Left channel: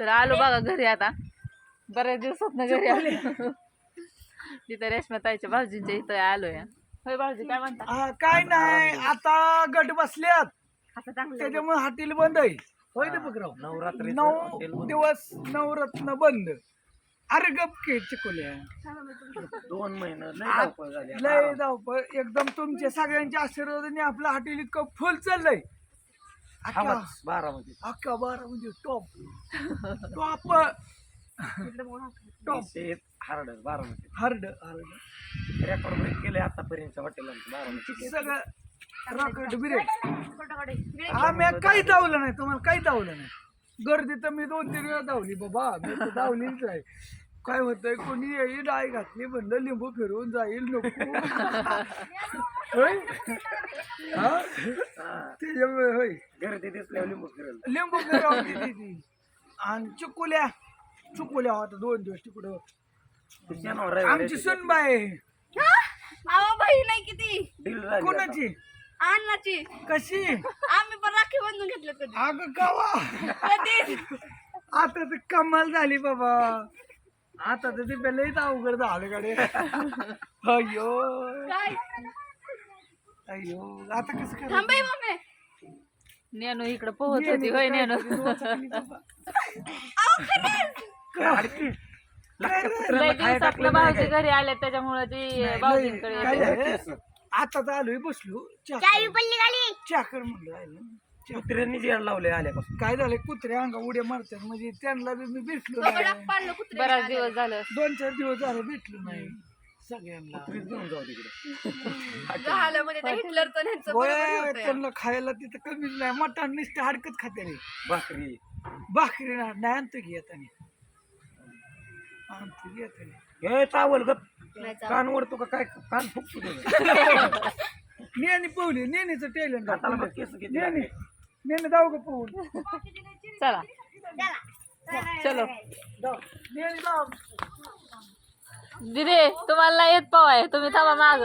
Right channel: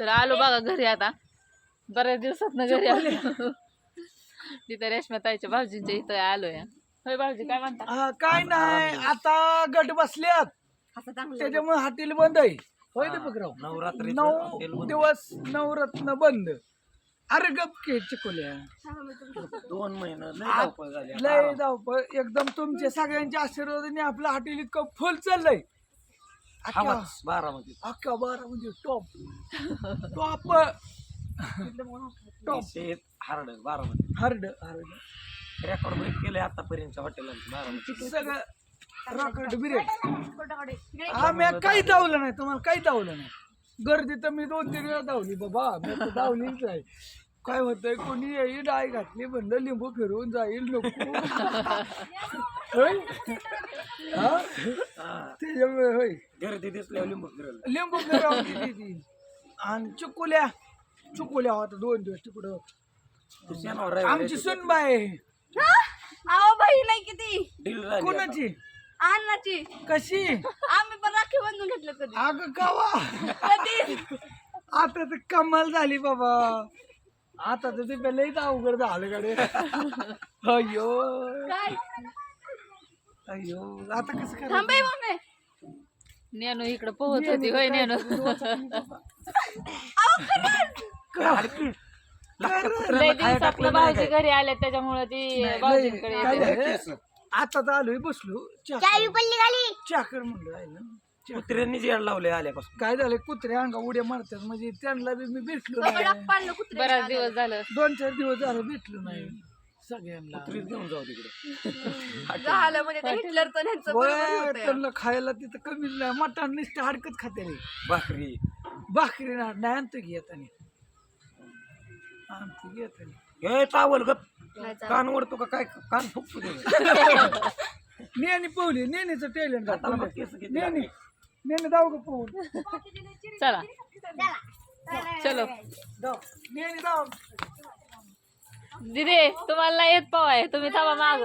तर आलो बघा घरी आता, बऱ्याच दिवसात घरी आले. तिथं रेश्माताईच्या भाऊजींच्या इथं आलोय. होय भाऊजी काय म्हणता? काय नाही, आता गट बसल्यात त्याच्यामुळे हॉटेल बंद आहे. होय दीपकराव, नवरात्री 9 दिवस नवरत्न बंद. अरे गपके चिकोल्या 2 महिने लय धावपळ झाली. लय धावपळ एकदम. तुमच्या सगळ्यांच्या आशीर्वादाने आपलं हॉटेल इतकं फुल चाललंय. आवाज बारामती अख्खा 12 म्हणजे top top top hard Baramati hard record break केले आतापर्यंतच्या हॉटेलांचे बारामती सगळं रॉकेट बिरेक. आम्ही काही धावलं नाही, तुम्हाला काही धावलं नाही. गर्दी तर मी 2-3 वेळा धावली बाबा, मी तर धावलीच आहे. काय होतंय, कोणी येईल डाय घातली म्हणलं लिंबू फिरवून जाईल नको. होय त्याच्यामुळे होय गर्दी दिसल्यावर लिंबू फिरल लिंबू फिरवली. आणि चुकुल्या होता 2 दिवस तिकडं. आमची सुनबाई बहीण आहे किती डील झाली कोणाची अन्नाची. कशी आम्ही पण राखी बांधून घेतलं कधी अगं गावा. कधी आता तर कमाल झाली बाबा. आता तर ते लईच अवघड झालं गाडी. अय्यो काय अय्यो आता कसं थांबे मम्मी. नेनू इकडं पोहत होती. होय नेनू. लय दिवसातलं भाऊजी घरी आले त्याच्यामुळे ती भाऊजींकडे येते. आता आलोय बसलो चाकर म्हणलं राहिलं. कुत्र्यांनी जेड लावले आल्यापासून. काय झालंय, कुत्रे अंगा उड्या मारतात म्हणजे त्यांना बी मी भेटलो नाही. पाळलं कुत्रे. बराच दिवस झालं. 2-4 दिवस झाले भेटलो नाही सगळ्यांना. कुत्रीच घेऊन जाऊ तिकडे. झालं म्हणजे ते हिटलरचं ह्यांचं होय, बरोबर होतंय. त्यांना खायला तिथं कमीच नाही. मटण नुसतं हाडकत खाते रे. भाकरी भाकरी नाही आणतो की येताना. आणतो की येताना. हे चावल गप कान ओढतो का काय, कान फुकतो नेहमी पोहली, नेहमीचं टॅलेंट. हाताला बघ केस किती नेहमी नेहमी जाऊ का पोहून. चला चलो नेहमी जाऊ. दिदी तुम्हाला नाही येत पवाय, तुम्ही थांबा माग.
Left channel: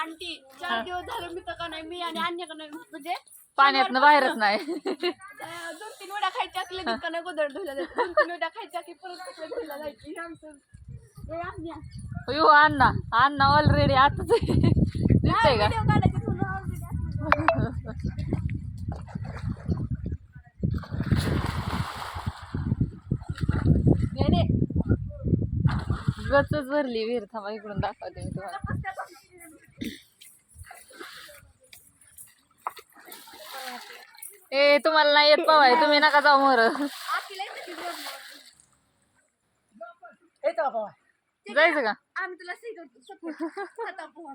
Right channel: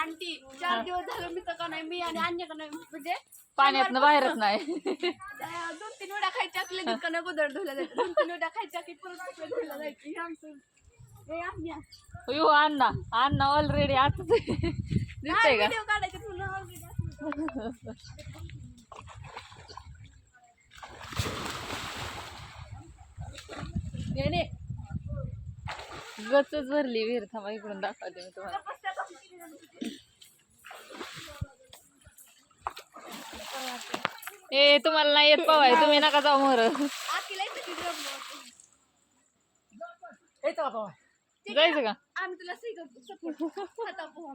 आंटी 4 दिवस झालं मी तर का नाही, मी आणि अन्य का नाही म्हणजे पाण्यातनं बाहेरच नाही. 2-3 वेळा खायच्या की लगेच का नाही गोदर धुला जायचं. 2-3 वेळा खायच्या की परत धुला जायची. हे आमचं हे अन्या अयो अण्णा अण्णा ऑलरेडी आताच दिसतंय का? व्हिडिओ काढायचे तुला already. गचच भरली विहीर. थांबा इकडून दाखवते मी तुम्हाला. ए तुम्हाला नाही येत पवाय, तुम्ही नका जाऊ मोर. आतीला येतं की problem. जायचं का? आम्ही तुला सपोर्ट खाता पोहा.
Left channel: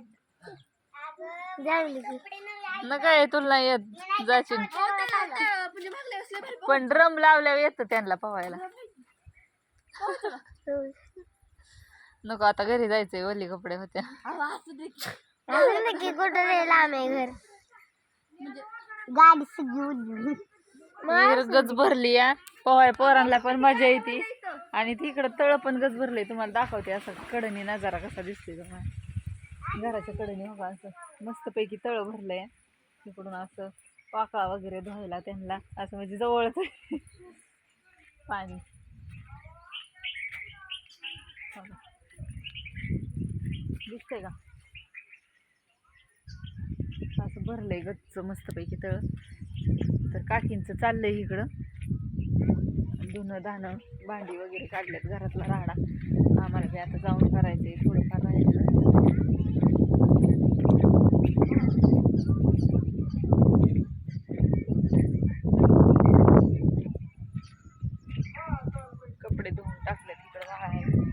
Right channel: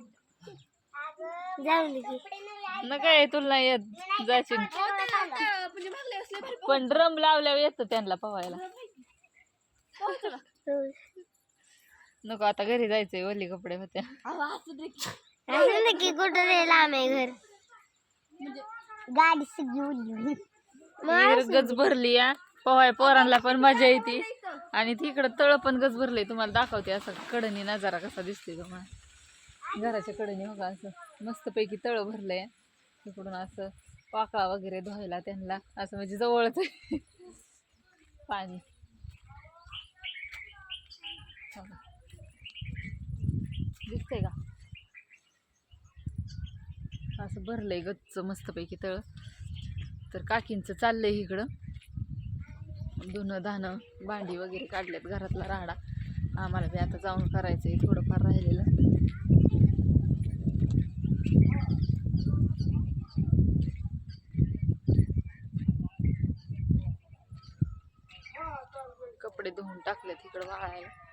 नका ये, तुला नाही येत जाशील. म्हणजे मागल्या असले भारी पण ड्रम लावल्यावर येतं त्यांना पवायला. नको आता घरी जायचंय, ओली कपडे होत्या. गाडी सगळी विहीर गच भरली या पवाय. पोरांना पण मजा येते. आणि तिकडं तळ पण गच भरले. तुम्हाला दाखवते असं कडनी नजारा कसा दिसतोय तुम्हाला. घराच्या कडनी बघा असं मस्तपैकी तळ भरलंय. तिकडून असं पाकळा वगैरे धुवायला त्यांना असं म्हणजे जवळच आहे पाणी. दिसतंय का असं भरलंय गच्च मस्तपैकी तळ. तर काकींचं चाललंय इकडं धुणं धाणं भांडी वगैरे काढल्यात, घरातला राडा. आम्हाला बी आता जाऊन करायचंय थोडंफार राहिलेलं. कपडे धुवून टाकलेत इकडं वाळायला.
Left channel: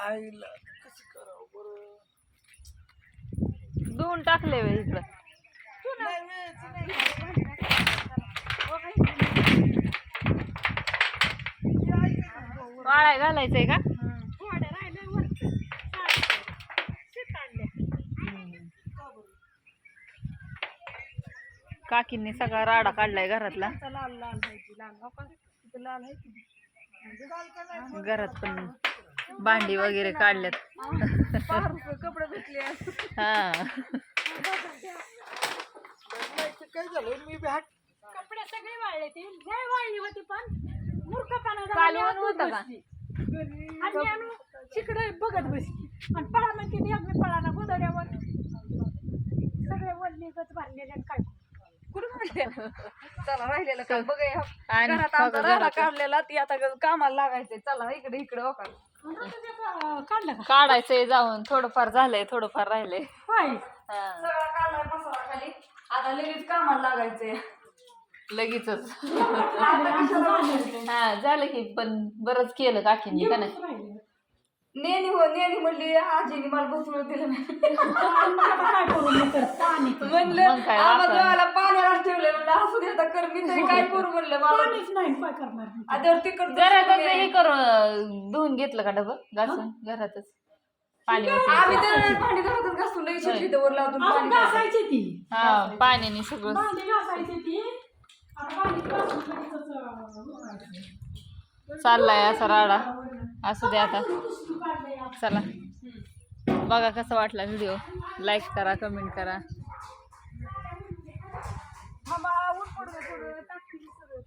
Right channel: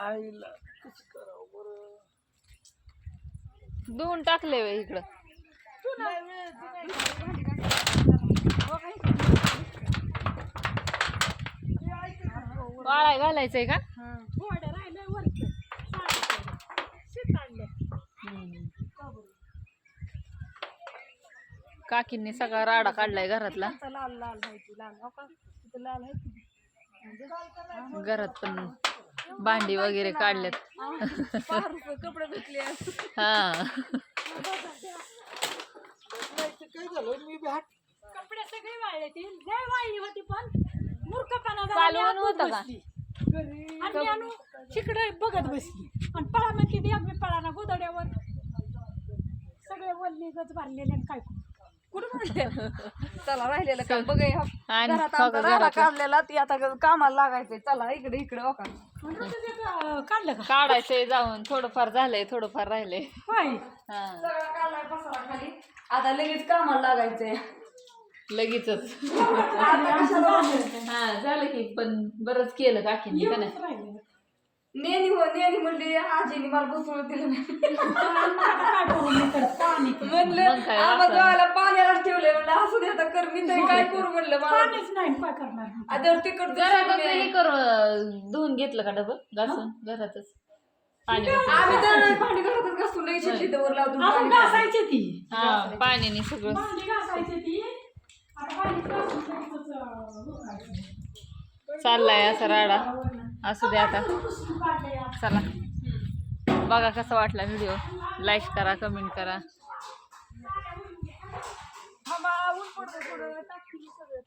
आईला कसं करावं बरं. धुवून टाकले वे इकडं. वाळाय घालायचंय का? काकींनी सगळा राडा काढलाय घरातला. घरात पण भांडी वगैरे काढल्यात. कपडे धुतले. हा काय झालं मी बॅट कपडे सगळे वाळले ती लय वाळली होती पण मूर्खपणा झाला. कालवण होतं का? आणि आणू तिकडे बघत बसली आणि पळा म्हणते ती आम्ही पळा ना गोदड्यावर सगळे वल्ली गच भरलेले आणि काय कुठं म्हणले चला राहिलेलं काम बघूया. आणि घरात बघा आमचा राडा घरात. काढलेला ती आता कामाला लागायचंय. चला इकडे इकडे ओका काढलं का काढायचंय जाऊन. थोडंफार झालंय, थोडंफार राहिलंय. होय हा सगळा काढलाय पसारा खाली. आता लगेच कामाला लागायचंय. लगेचच. आता कशाला हा झालं की पण बरंच केलं काकीने का नाही? नेनी म्हणली आजीने मला बसवून दिलं नाही. म्हणलं मग काय आम्हाला गावाला पाण्याला ठेवलं. म्हणलं असू दे आता कर मी तरी काय करू म्हणलं मला आता तिकडं घरातच हे करू धुवून घेतलं का डबं घासून घरातच पाणी ओतून. आम्ही तर भांडी घरातच घासून लई शेती दवर लावून पाणी घासायची ती हा पाण्याने सगळं भांडी घासायची ती आता भांडी घासून चाललाय असा राडा. असू दे आता. चला बघा कसा वाटला व्हिडिओ. लाईक करा, कमेंट करा. थांबा ऊन पडलं थोडं टाकतील सगळं.